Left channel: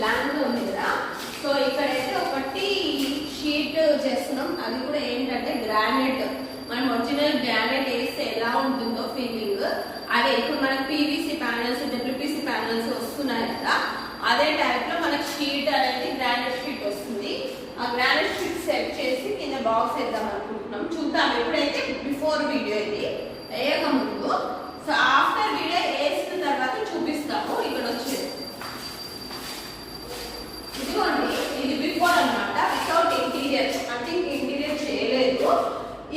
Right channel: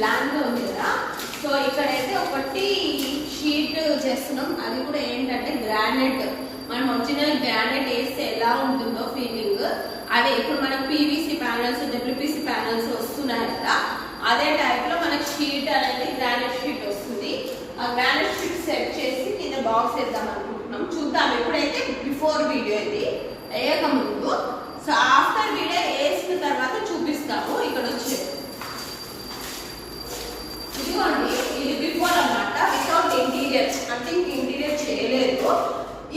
Blank గా ఉంది కదా. సో ఇక్కడైతే ఒకటి షీట్ చేస్తున్నాం, అది కూడా ఏంటంటే గ్రానైట్. మనం ఒరిజినల్ గ్రానైట్ వేస్తే ఎలా ఉంటుందో ఫీలింగ్ అదే. ఇప్పుడు మనకు పీవీసీ ప్యానల్స్, డబ్ల్యూపీసీ ప్యానల్స్ వస్తున్నాయి కదా, అదే టైప్ లో మనకు షీట్ అనేది గ్రానైట్ షీట్ వస్తుంది. ఆ గ్రానైట్ షీట్ సెట్ చేసి కింద బాక్స్ వేద్దాం అనుకుంటున్నాం. చూద్దాం. ఎప్పుడైతే బిఫోర్ వీడియో ఇది వేయక ముందు. సో ఆఫ్టర్ వీడియో వేసిన తర్వాత చూపిస్తాము. ఇక్కడ వచ్చేది ఇదిగోండి, ఇది బిఫోర్ అన్నమాట, వితౌట్ ఇంటీరియర్, అంటే ఇంటీరియర్ చేయలేదు.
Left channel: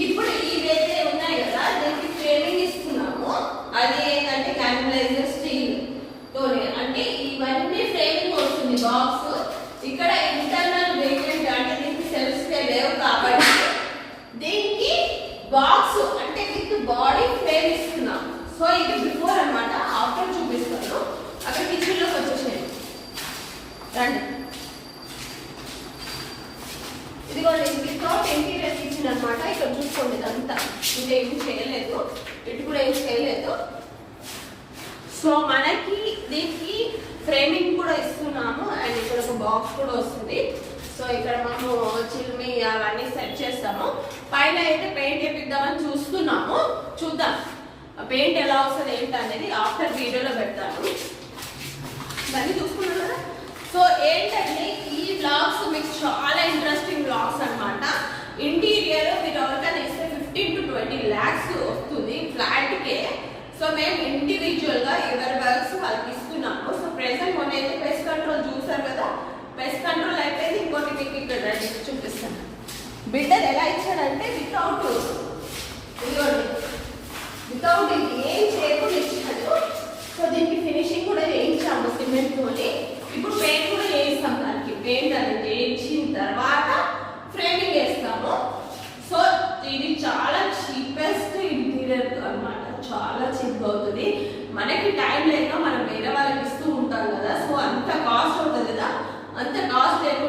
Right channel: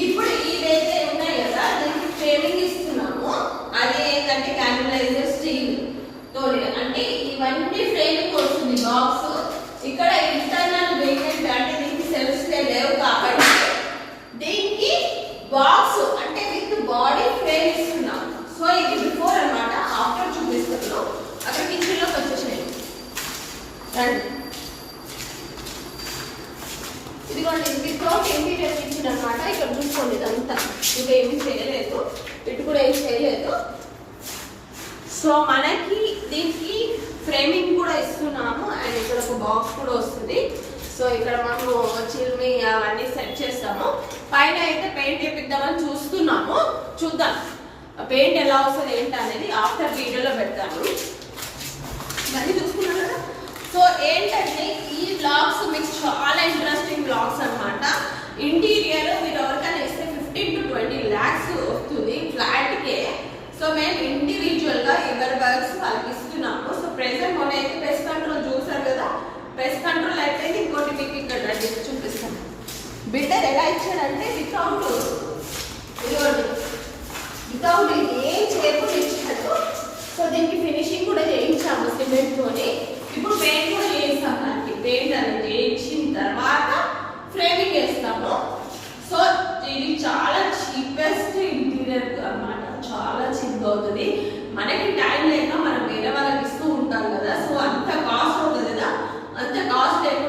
ఇప్పుడు ఇవైతే ఉన్నాయి కదా, దీనికి ఫ్రేమింగ్ ఇస్తున్నాము. అది ఏంటంటే క్యాన్వలైజర్ స్టీల్ తోనే, అంటే ఇవన్నీ ఫ్రేమింగ్ వస్తుంది బాక్స్. ఇక్కడ ఇంటర్నల్ వేరియంట్ అంటే దీనికి సెల్స్ లేవు కాబట్టి దీనికి బాక్స్ అంటే విత్ బాడీ ఫ్రేమ్ ఇస్తున్నాం. సో ఇది బిఫోర్ అన్నమాట, ఆఫ్టర్ చూపిస్తాను. అక్కడ కిచెన్ లోకి వచ్చేసాయి రండి. ఇదిగోండి, వితౌట్ ఇంటీరియర్ కిచెన్ అనమాట. ఇక్కడ చూసుకోండి, ఇదంతా ఇది ఏమి చేయలేదు, ఇటు కూడా ఏమి చేయలేదు. సో మనకి దీనికి ఫ్రేమింగ్ కూడా ఇస్తున్నాము అండ్ ఇక్కడ ఒక బాక్స్ కూడా వస్తుంది. సో ఇక్కడ మనము చిల్ని అవన్నీ సెట్ చేస్తాము. పైన అయితే పెయింట్ వేపిద్దామని చూస్తున్నాము, చూద్దాం పెయింట్ ఎలా వస్తుంది ఏంటి అనేది ఆఫ్టర్ వీడియోలో పెడతాను. దాన్ని చూసుకున్నాను కదా. సో ఏంటంటే ఈ బ్లాగ్స్ మీకు చాలా ఇంట్రెస్టింగ్ బ్లాగ్స్ అనమాట. ఇంటీరియర్ మీరు ఎవరికైనా ఇస్తే 15 to 20 lakhs వస్తుంది ఫ్లాట్కే. సో మేము ఇండివిజువల్ గా ఎవరి వర్క్స్ వాళ్ళకి ఇస్తున్నాము. సో ప్రెసెంట్ మొన్న అయితే పెస్ట్ కంట్రోల్ చూసారు కదా, పెస్ట్ కంట్రోల్ అయిపోయింది. ఇంకోటి మీకు ఇక్కడ చూపిస్తాను. బిల్డర్ ఎలా ఇచ్చాడంటే వితౌట్ ఏం చేయకుండా ఇచ్చాడు. సో దీనికి ఫినిషింగ్ కూడా చేయించాము సిమెంట్ తోని. ఇప్పుడు పెయింట్ కూడా చేయిస్తాం. దానికి పెయింట్ అనేది చేయించిన తర్వాత ఫ్రేమింగ్ వేస్తాము. సో ఇది చాలా చీపెస్ట్ ఇంటీరియర్ అన్నమాట, చాలా చీప్ అవుతుంది. మనకి టైం లేక మనం వేరే వాళ్ళకి ఇస్తూ ఉంటాం కదా, సో అంత కాస్ట్ అవుతుంది కదా. అంత కాస్ట్ లేక